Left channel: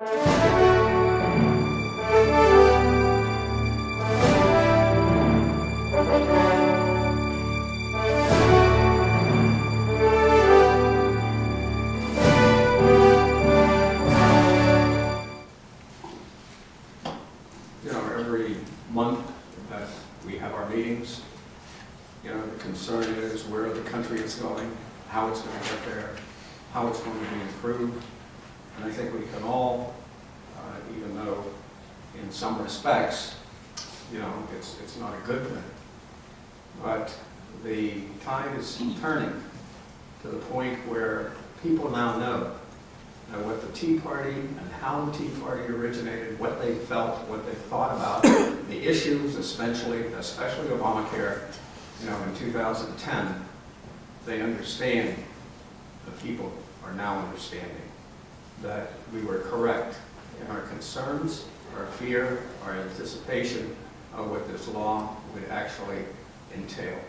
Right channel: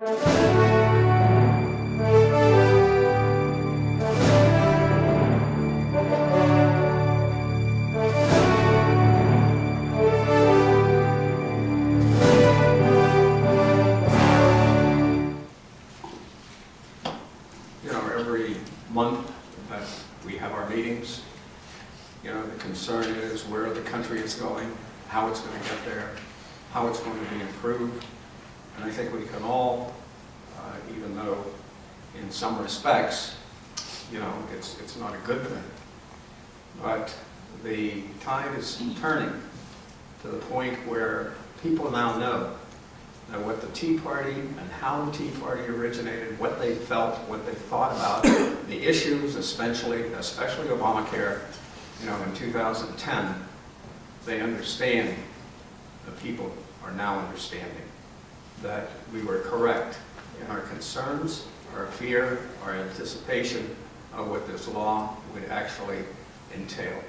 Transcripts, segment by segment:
Every month that we have our meetings, the concern is where the country is going, how it's going to get there, how it's going to be improved. And I think we can all, even though in some respects, it's not a good thing, but the tide is turning to the point where people now know that what the Tea Party and how the Tea Party originated, what they felt, what they thought about the issues, especially Obamacare, in 2010, they understand, the people are now understanding that we were correct in our concerns, our fear, our anticipation of what this law would actually entail.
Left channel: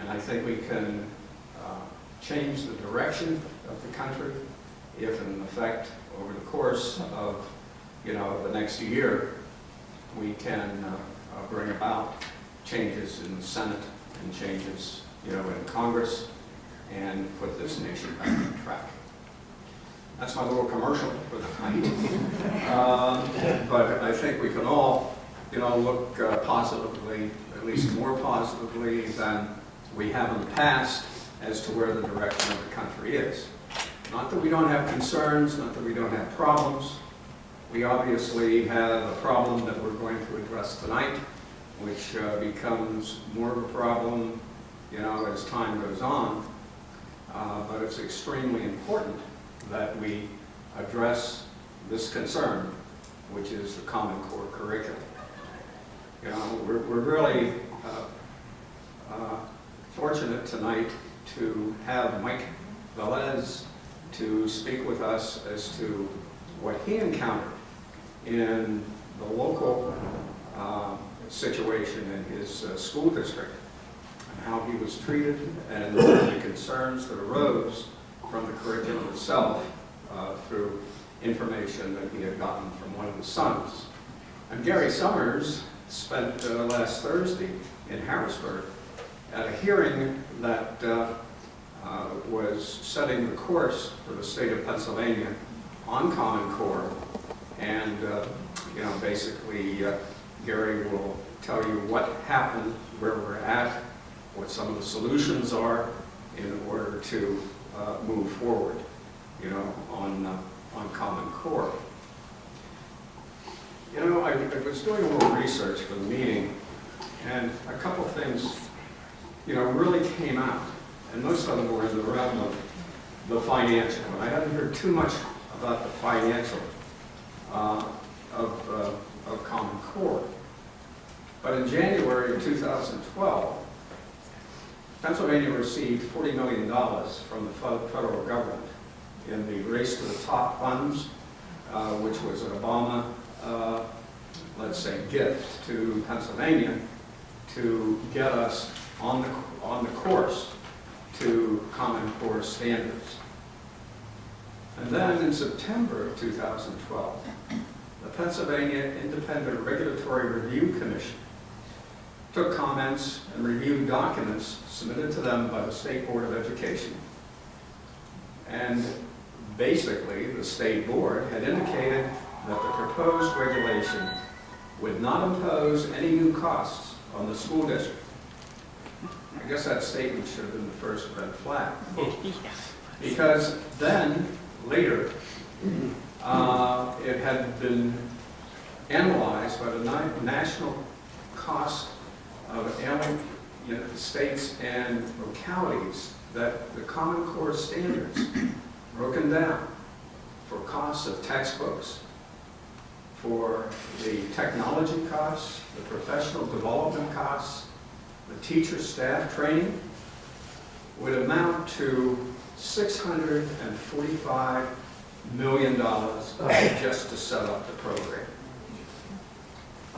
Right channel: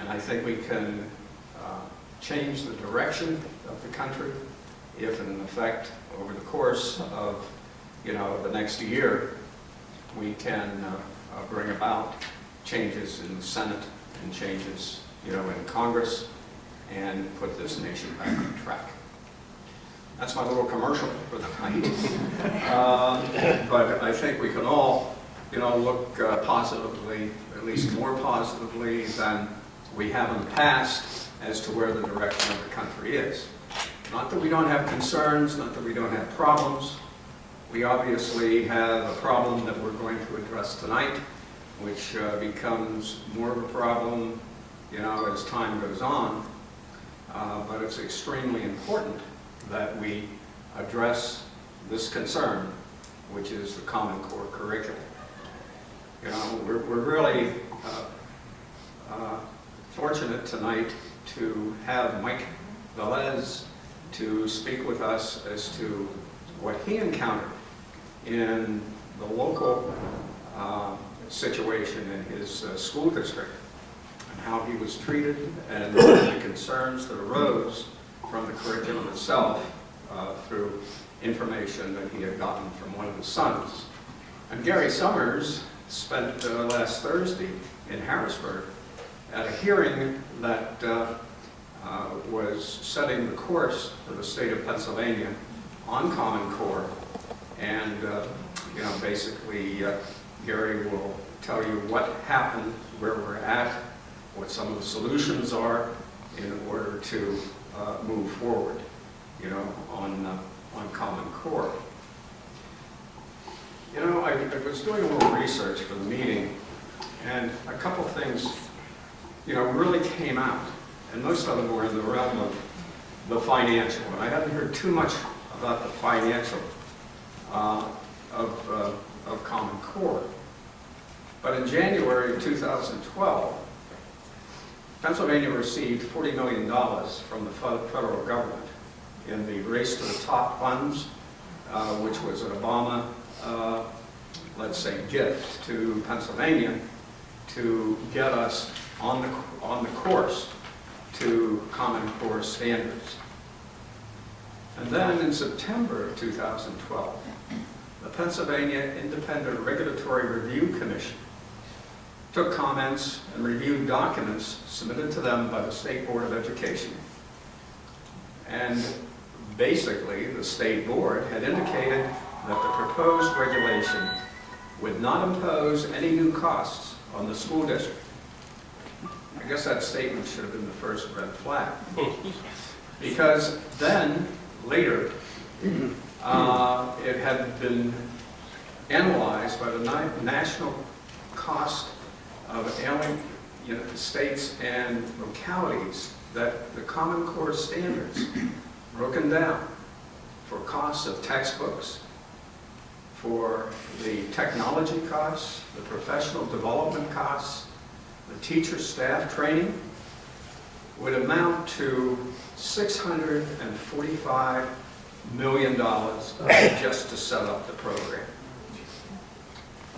And I think we can change the direction of the country if, in effect, over the course of, the next year, we can bring about changes in the Senate and changes, in Congress, and put this nation back on track. That's my little commercial for the night. But I think we can all, look positively, at least more positively than we have in the past, as to where the direction of the country is. Not that we don't have concerns, not that we don't have problems. We obviously have a problem that we're going to address tonight, which becomes more of a problem, as time goes on. But it's extremely important that we address this concern, which is the Common Core curriculum. We're really fortunate tonight to have Mike Velez to speak with us as to what he encountered in the local situation in his school district, and how he was treated, and the concerns that arose from the curriculum itself through information that he had gotten from one of his sons. And Gary Summers spent last Thursday in Harrisburg at a hearing that was setting the course for the state of Pennsylvania on Common Core. And, basically, Gary will tell you what happened, where we're at, what some of the solutions are in order to move forward, on Common Core. I was doing a little research for the meeting, and a couple things, really came out. And most of them were in the realm of the financial. And I haven't heard too much about the financial of Common Core. But in January of 2012, Pennsylvania received $40 million from the federal government in the Race to the Top funds, which was an Obama, let's say, gift to Pennsylvania to get us on the course to Common Core standards. And then in September of 2012, the Pennsylvania Independent Regulatory Review Commission took comments and reviewed documents submitted to them by the State Board of Education. And basically, the State Board had indicated that the proposed regulation would not impose any new costs on the school district. I guess that statement should have been the first red flag. Because then, later, it had been analyzed by the national cost of ailing states and localities that the Common Core standards broken down for costs of textbooks, for the technology costs, the professional development costs, the teacher staff training, would amount to $645 million just to set up the program.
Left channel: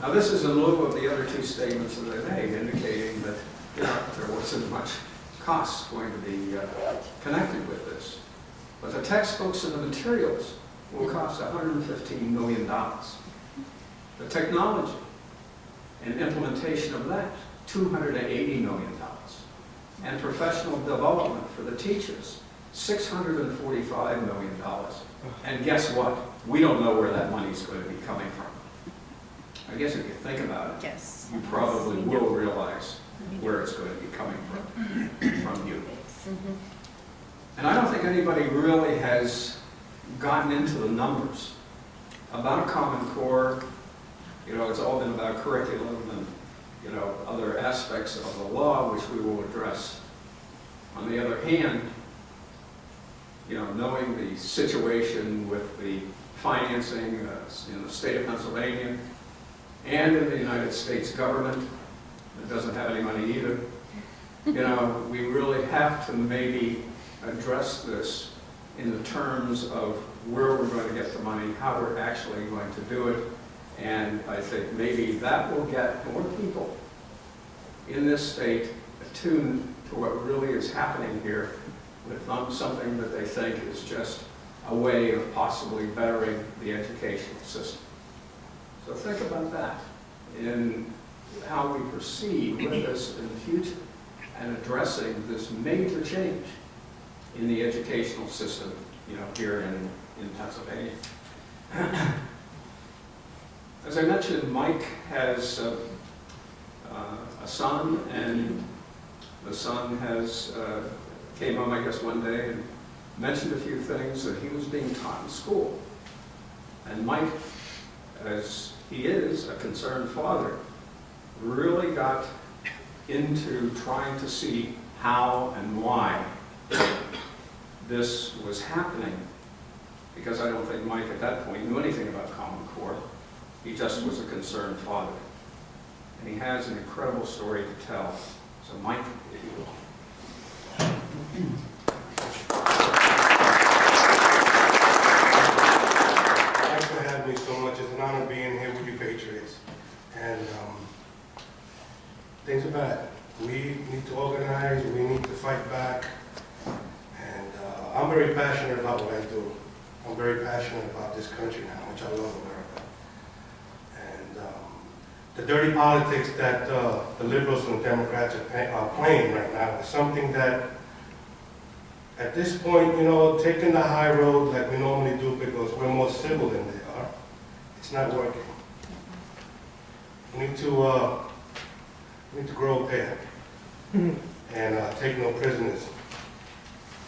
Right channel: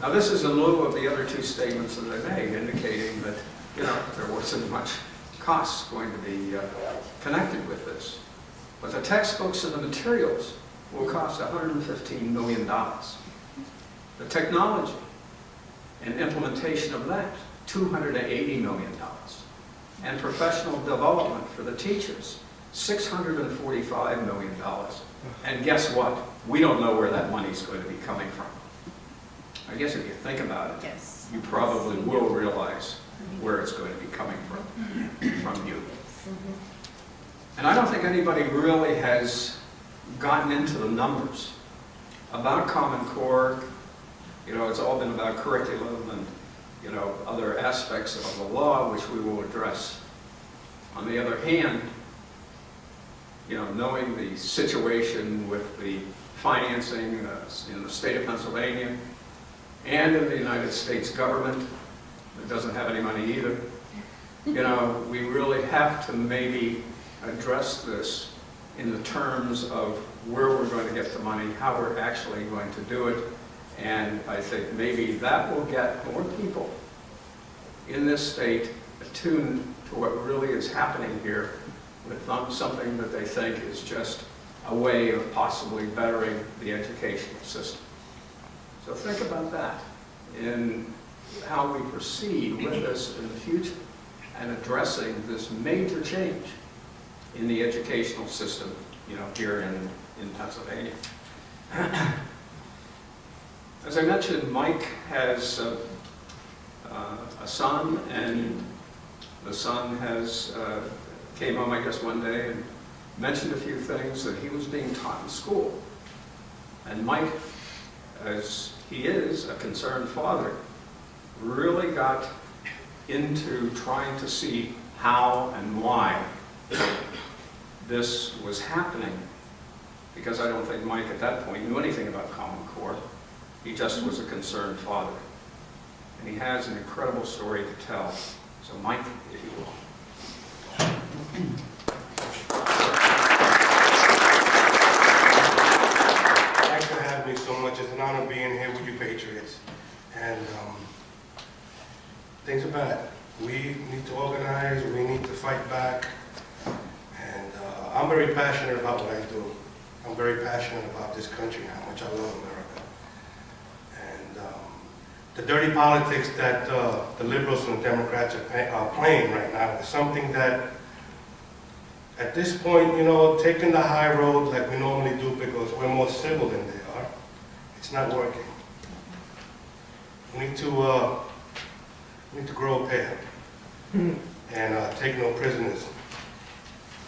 Now this is in lieu of the other two statements that I made, indicating that there wasn't much cost going to be connected with this. But the textbooks and the materials will cost $115 million. The technology and implementation of that, $280 million. And professional development for the teachers, $645 million. And guess what? We don't know where that money's going to be coming from. I guess if you think about it, Yes. you probably will realize where it's going to be coming from you. And I don't think anybody really has gotten into the numbers about Common Core. You know, it's all been about curriculum and, you know, other aspects of the law, which we will address. On the other hand, you know, knowing the situation with the financing in the state of Pennsylvania and in the United States government, that doesn't have any money either, you know, we really have to maybe address this in the terms of where we're going to get the money, how we're actually going to do it. And I think maybe that will get more people in this state attuned to what really is happening here with something that they think is just a way of possibly bettering the educational system. So think about that in how we proceed with this in the future and addressing this major change in the educational system, you know, here in Pennsylvania. As I mentioned, Mike has a son, and the son came home, I guess, one day and mentioned a few things that he was being taught in school. And Mike, as he is a concerned father, really got into trying to see how and why this was happening, because I don't think Mike at that point knew anything about Common Core. He just was a concerned father. And he has an incredible story to tell. So Mike, if you will. Thanks for having me so much. It's an honor being here with you Patriots. And things are bad. We need to organize, we need to fight back. And I'm very passionate about what I do. I'm very passionate about this country and how much I love America. And the dirty politics that the liberals and the Democrats are playing right now is something that, at this point, you know, taking the high road like we normally do because we're more civil than they are, it's not working. We need to grow a pair and take no prisoners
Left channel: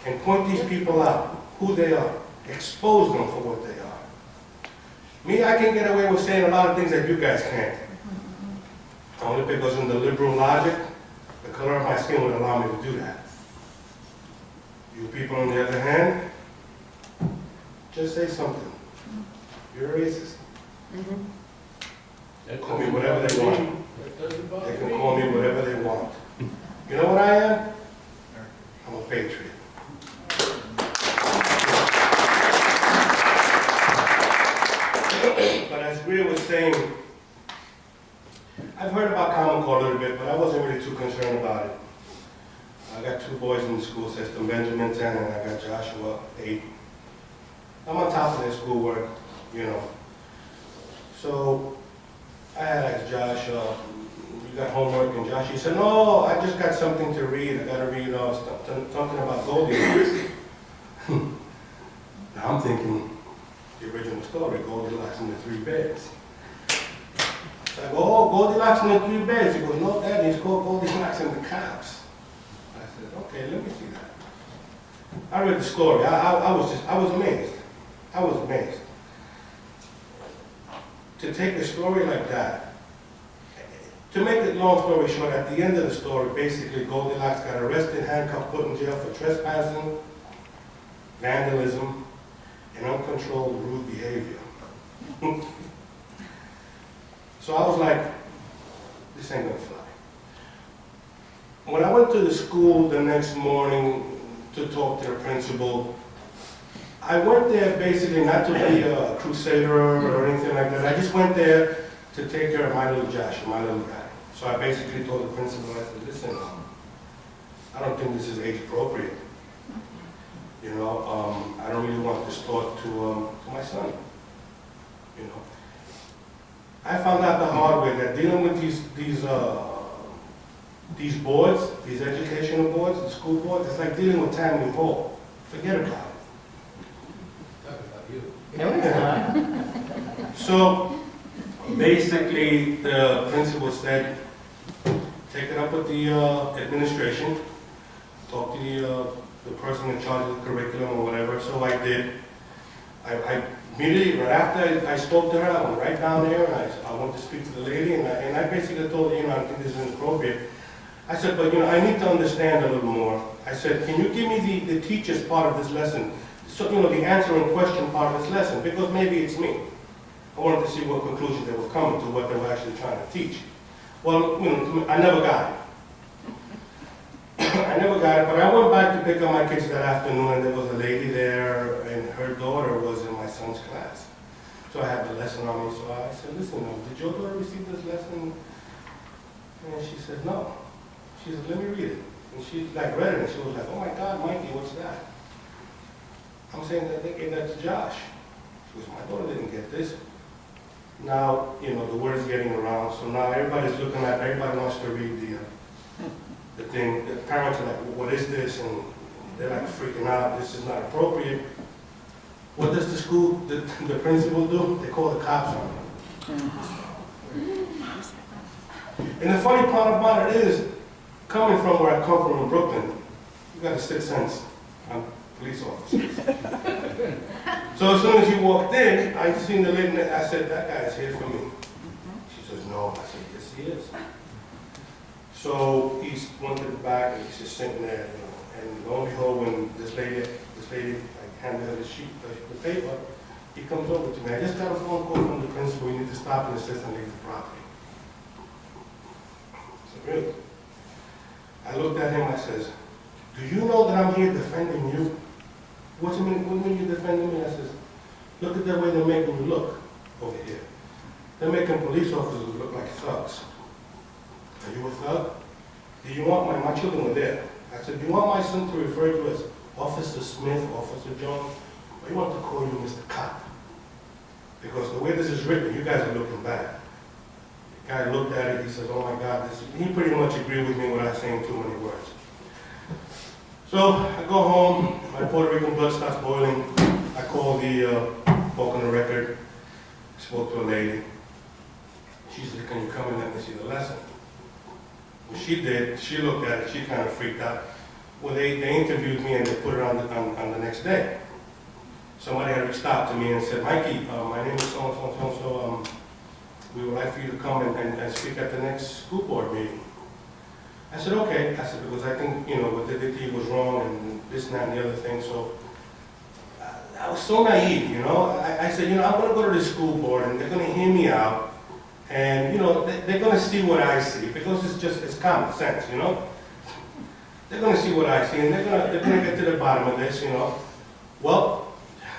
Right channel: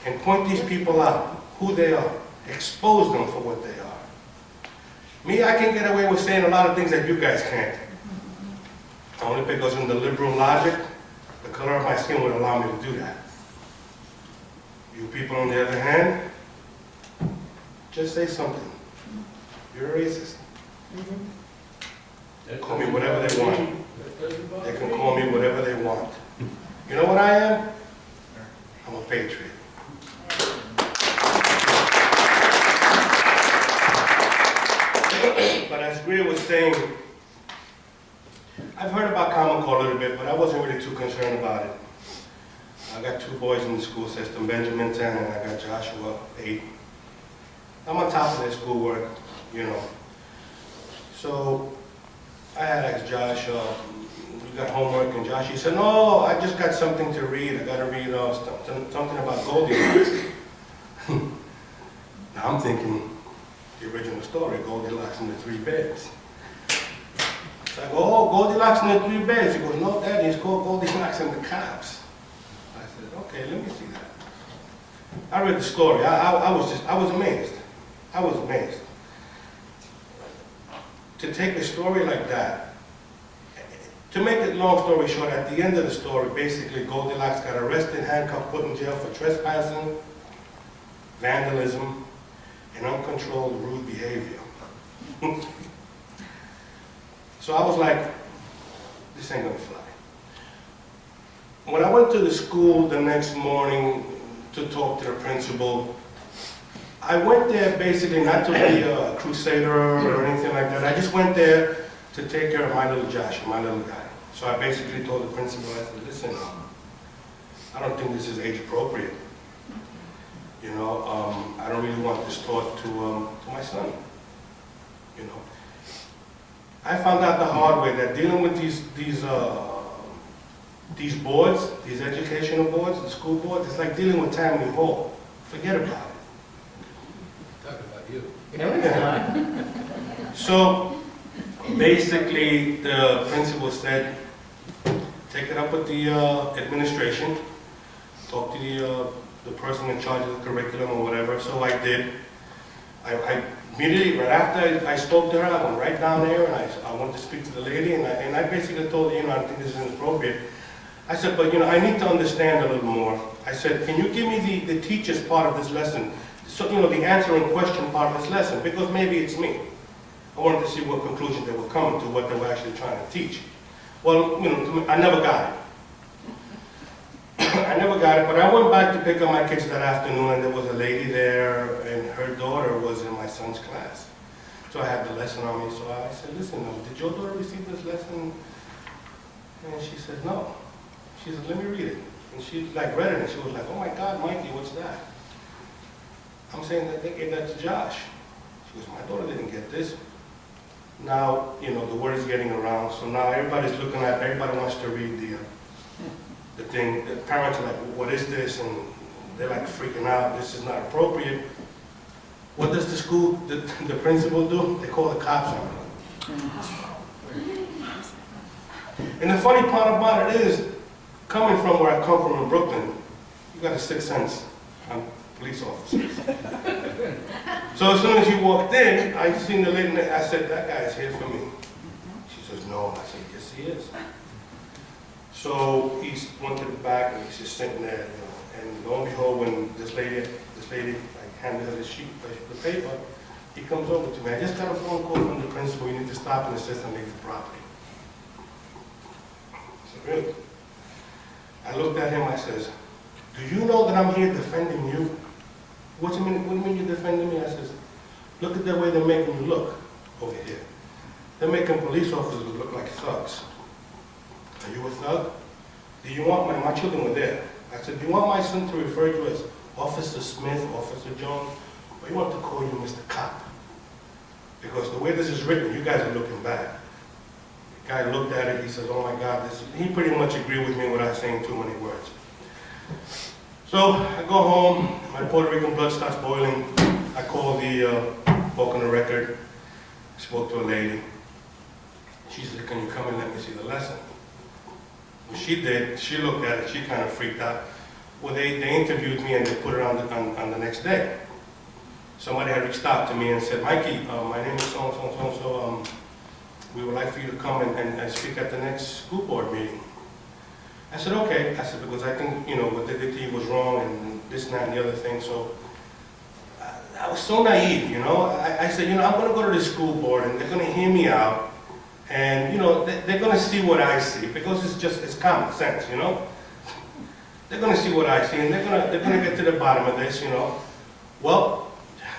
and point these people out, who they are, expose them for what they are. Me, I can get away with saying a lot of things that you guys can't. Only because in the liberal logic, the color of my skin would allow me to do that. You people, on the other hand, just say something. You're a racist. Call me whatever they want. They can call me whatever they want. You know what I am? I'm a patriot. But as Grier was saying, I've heard about Common Core a little bit, but I wasn't really too concerned about it. I got 2 boys in the school system, Benjamin 10 and I got Joshua 8. I'm on top of their schoolwork, you know. So I had asked Josh, you got homework? And Josh, he said, no, I just got something to read. I got to read something about Goldilocks. Now I'm thinking the original story, Goldilocks and the 3 Bears. So I go, oh, Goldilocks and the 3 Bears. He goes, no, Daddy, it's called Goldilocks and the Cops. I said, okay, let me see that. I read the story. I was amazed. I was amazed. To take a story like that, to make it long story short, at the end of the story, basically Goldilocks got arrested, handcuffed, put in jail for trespassing, vandalism, and uncontrolled rude behavior. So I was like, this ain't gonna fly. When I went to the school the next morning to talk to the principal, I went there basically not to be a crusader or anything like that. I just went there to take care of my little Josh, my little guy. So I basically told the principal, I said, listen, I don't think this is age appropriate. You know, I don't really want this taught to my son. You know, I found out the hard way that dealing with these boards, these educational boards, the school boards, it's like dealing with Tammany Hall. Forget about it. Talking about you. No, it's not. So basically, the principal said, take it up with the administration, talk to the person in charge of the curriculum or whatever. So I did. I immediately, right after I spoke to her, I went right down there and I went to speak to the lady, and I basically told her, you know, I think this is inappropriate. I said, but you know, I need to understand a little more. I said, can you give me the teacher's part of this lesson? So, you know, the answering question part of this lesson, because maybe it's me. I wanted to see what conclusions they were coming to, what they were actually trying to teach. Well, you know, I never got it. I never got it, but I went back to pick up my kids that afternoon, and there was a lady there, and her daughter was in my son's class. So I had the lesson on me, so I said, listen, did your daughter receive this lesson? And she said, no. She said, let me read it. And she like read it, and she was like, oh my God, Mikey, what's that? I'm saying that they gave that to Josh. She goes, my daughter didn't get this. Now, you know, the word is getting around, so now everybody wants to read the thing. The parents are like, what is this? And they're like freaking out, this is not appropriate. What does the principal do? They call the cops on them. And the funny part about it is, coming from where I come from in Brooklyn, you got a sixth sense on police officers. So as soon as he walked in, I seen the lady, and I said, that guy is here for me. She says, no. I said, yes, he is. So he went to the back, and he's just sitting there, you know, and lo and behold, when this lady, I handed her the sheet, the paper, he comes over to me. I just got a phone call from the principal, you need to stop and assist and leave the property. I said, really? I looked at him, I says, do you know that I'm here defending you? What do you mean you're defending me? I says, look at the way they're making you look over here. They're making police officers look like thugs. Are you a thug? Do you want my children were there? I said, do you want my son to refer to you as Officer Smith, Officer Jones, or you want to call you Mr. Cop? Because the way this is written, you guys are looking bad. The guy looked at it, he says, oh my God, he pretty much agreed with me without saying too many words. So I go home, my Puerto Rican blood starts boiling. I call the Pocono record, spoke to a lady. She said, can you come and let me see the lesson? Well, she did. She looked at it. She kind of freaked out. Well, they interviewed me and they put it on the next day. Somebody had reached out to me and said, Mikey, my name is so-and-so, we would like for you to come and speak at the next school board meeting. I said, okay. I said, because I think, you know, what they did to you was wrong and this and that and the other thing. So I was so naive, you know. I said, you know, I'm going to go to the school board and they're going to hear me out. And, you know, they're going to see what I see because it's common sense, you know. They're going to see what I see and they're going to get to the bottom of this, you know. Well,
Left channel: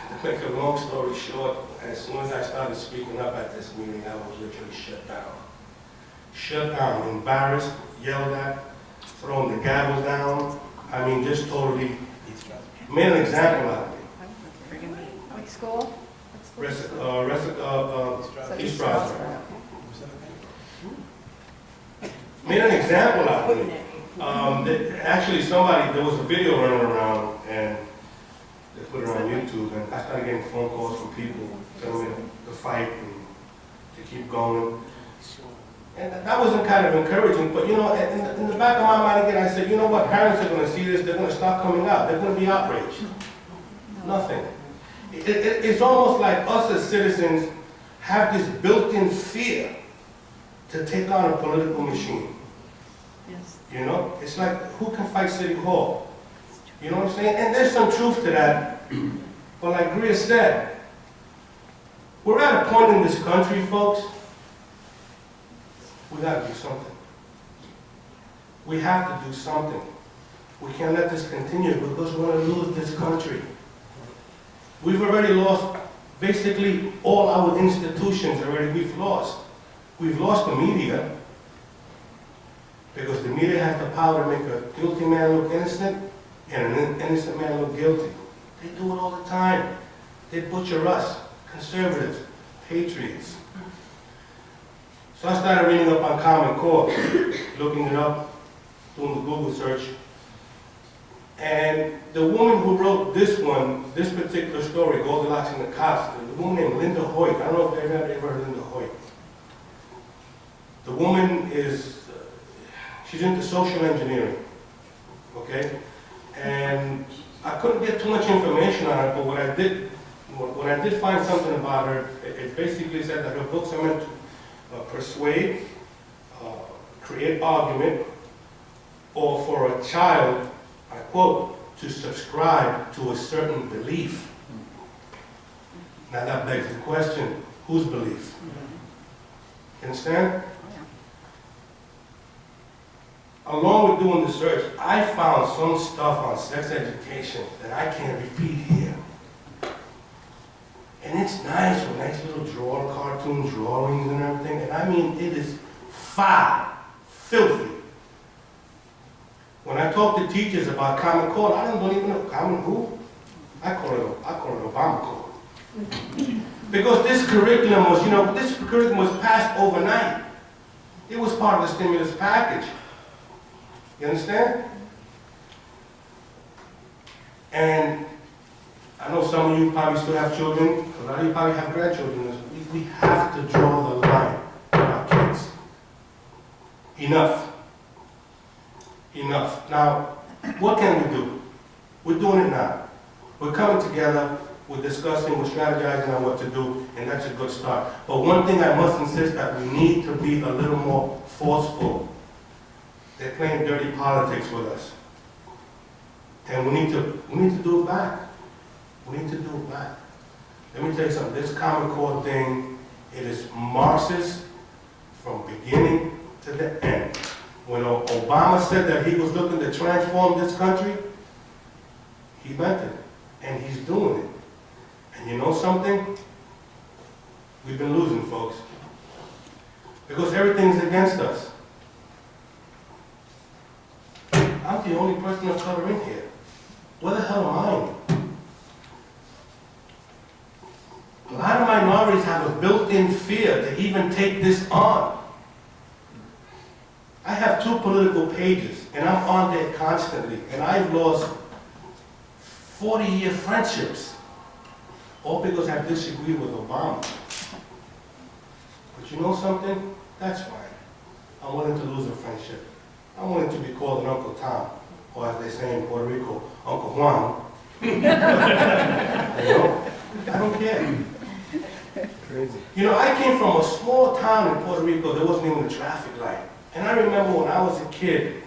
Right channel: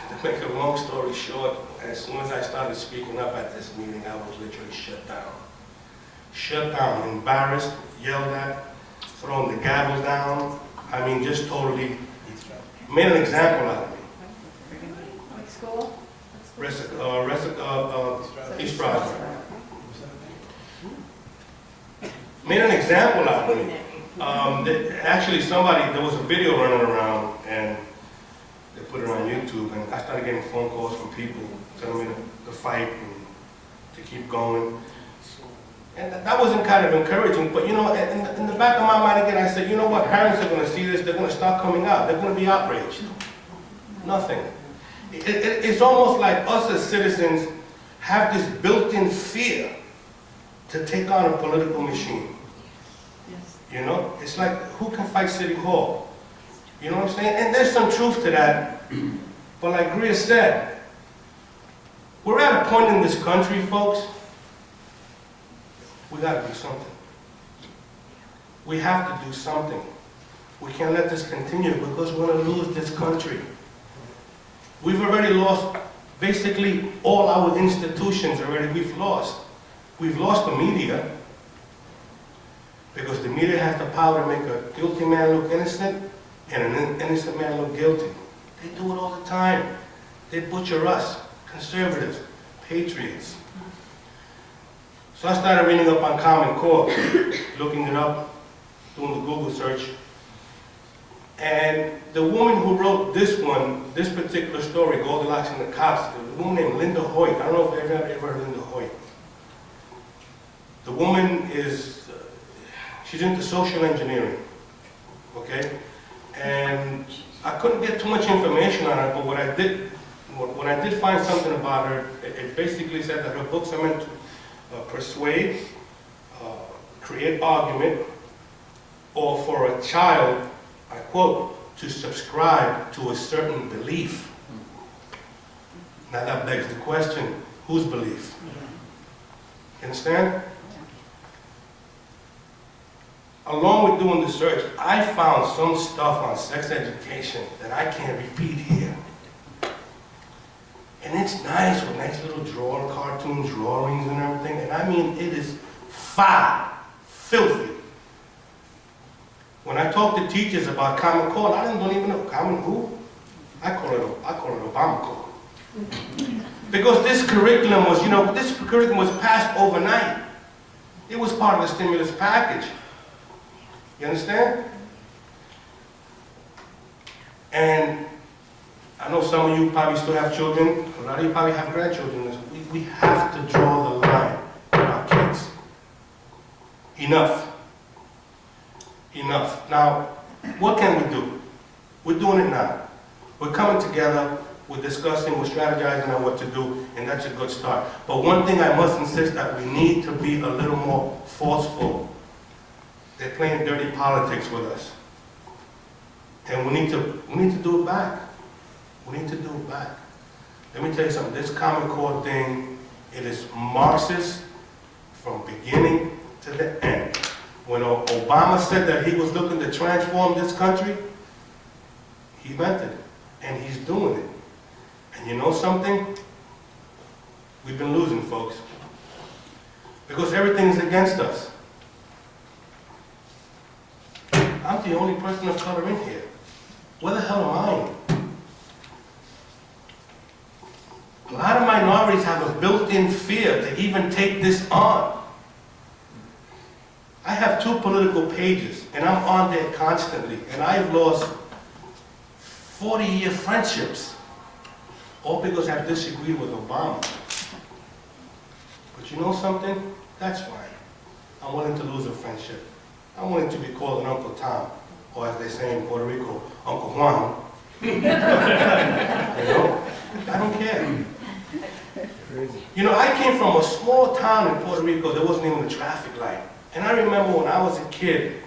to make a long story short, as soon as I started speaking up at this meeting, I was literally shut down. Shut down, embarrassed, yelled at, thrown the gavel down. I mean, just totally made an example out of me. What school? East Stroudsburg. Made an example out of me. Actually, there was a video running around, and they put it on YouTube, and I started getting phone calls from people telling me to fight and to keep going. And that wasn't kind of encouraging, but you know, in the back of my mind again, I said, you know what, parents are going to see this, they're going to start coming out, they're going to be outraged. Nothing. It's almost like us as citizens have this built-in fear to take on a political machine. Yes. You know, it's like, who can fight City Hall? You know what I'm saying? And there's some truth to that, but like Grier said, we're at a point in this country, folks, we got to do something. We have to do something. We can't let this continue because we're going to lose this country. We've already lost basically all our institutions already. We've lost the media because the media has the power to make a guilty man look innocent and an innocent man look guilty. They do it all the time. They butcher us, conservatives, patriots. So I started reading up on Common Core, looking it up, doing the Google search. And the woman who wrote this particular story, Goldilocks and the Cops, the woman named Linda Hoyt. I don't know if you've ever heard of Linda Hoyt. The woman is, she's into social engineering, okay? And I couldn't get too much information on her, but when I did find something about her, it basically said that her books are meant to persuade, create argument, or for a child, I quote, to subscribe to a certain belief. Now that begs the question, whose belief? You understand? Along with doing the search, I found some stuff on sex education that I can't repeat here. And it's nice with nice little cartoon drawings and everything, and I mean, it is foul, filthy. When I talk to teachers about Common Core, I don't even know Common who. I call it Obama Core. Because this curriculum was, this curriculum was passed overnight. It was part of the stimulus package. You understand? And I know some of you probably still have children. A lot of you probably have grandchildren. We have to draw the line with our kids. Enough. Enough. Now, what can we do? We're doing it now. We're coming together, we're discussing, we're strategizing on what to do, and that's a good start. But one thing I must insist that we need to be a little more forceful. They're playing dirty politics with us. And we need to do it back. We need to do it back. Let me tell you something, this Common Core thing, it is Marxist from beginning to the end. When Obama said that he was looking to transform this country, he meant it, and he's doing it. And you know something? We've been losing, folks, because everything's against us. I'm the only person of color in here. Where the hell am I? A lot of minorities have a built-in fear to even take this on. I have 2 political pages, and I'm on there constantly, and I've lost 40-year friendships, all because I disagreed with Obama. But you know something? That's fine. I'm willing to lose a friendship. I'm willing to be called an Uncle Tom, or as they say in Puerto Rico, Uncle Juan. I don't care. Crazy. I came from a small town in Puerto Rico. There wasn't even a traffic light. And I remember when I was a kid,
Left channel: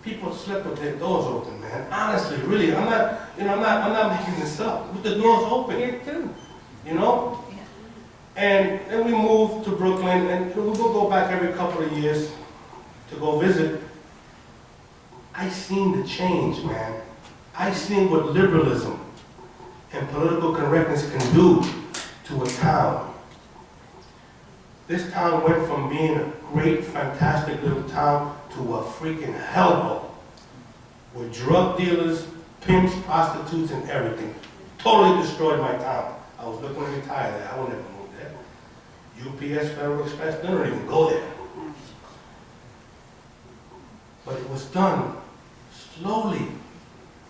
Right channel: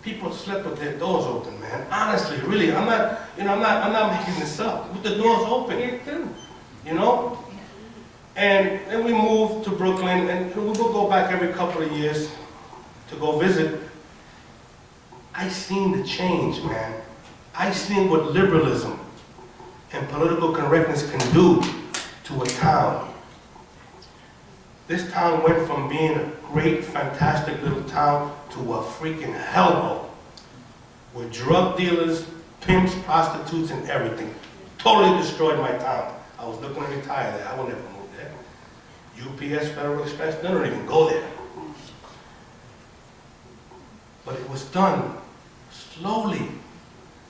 people slept with their doors open, man. Honestly, really, I'm not making this up. With the doors open. Here too. Yeah. And then we moved to Brooklyn, and we will go back every couple of years to go visit. I seen the change, man. I seen what liberalism and political correctness can do to a town. This town went from being a great, fantastic little town to a freaking hellhole with drug dealers, pimps, prostitutes, and everything. Totally destroyed my town. I was looking to retire there. I would never move there. UPS, Federal Express, they don't even go there. But it was done slowly.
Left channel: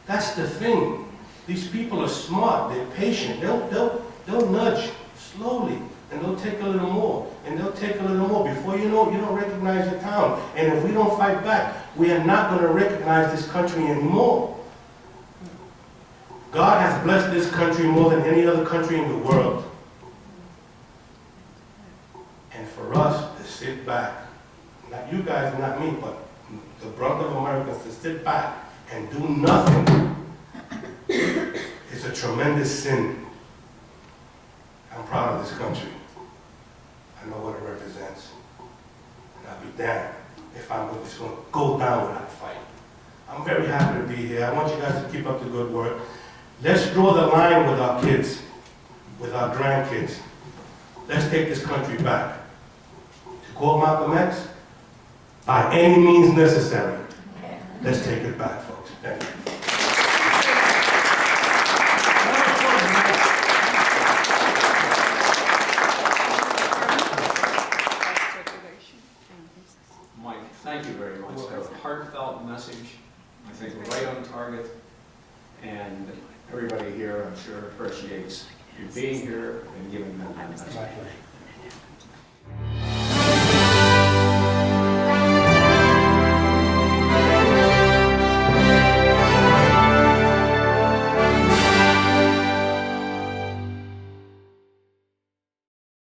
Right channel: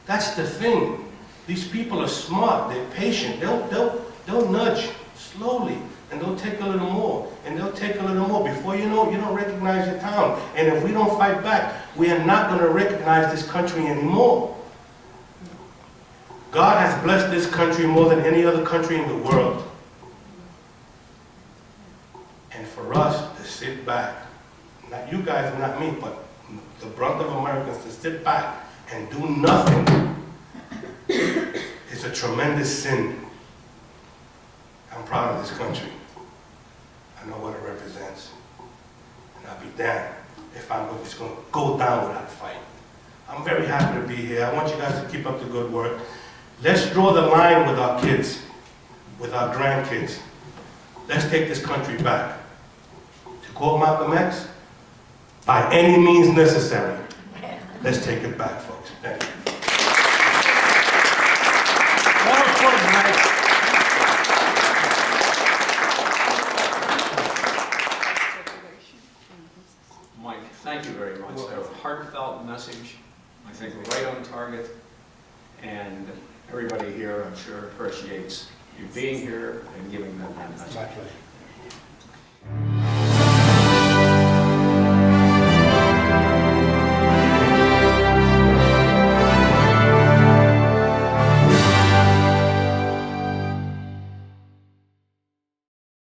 That's the thing. These people are smart. They're patient. They'll nudge slowly. And they'll take a little more, and they'll take a little more. Before you know it, you don't recognize your town. And if we don't fight back, we are not going to recognize this country anymore. God has blessed this country more than any other country in the world. And for us to sit back, not you guys and not me, but the brunt of Americans to sit back and do nothing is a tremendous sin. I'm proud of this country. I know what it represents. And I'll be damned if I'm just going to go down without a fight. I'm very happy to be here. I want you guys to keep up the good work. Let's draw the line with our kids, with our grandkids. Let's take this country back. To quote Malcolm X, by any means necessary. Let's take it back, folks. Thank you. message. I think we're right on target, and everybody here, I'm sure, appreciates you being here and giving them that message. My pleasure.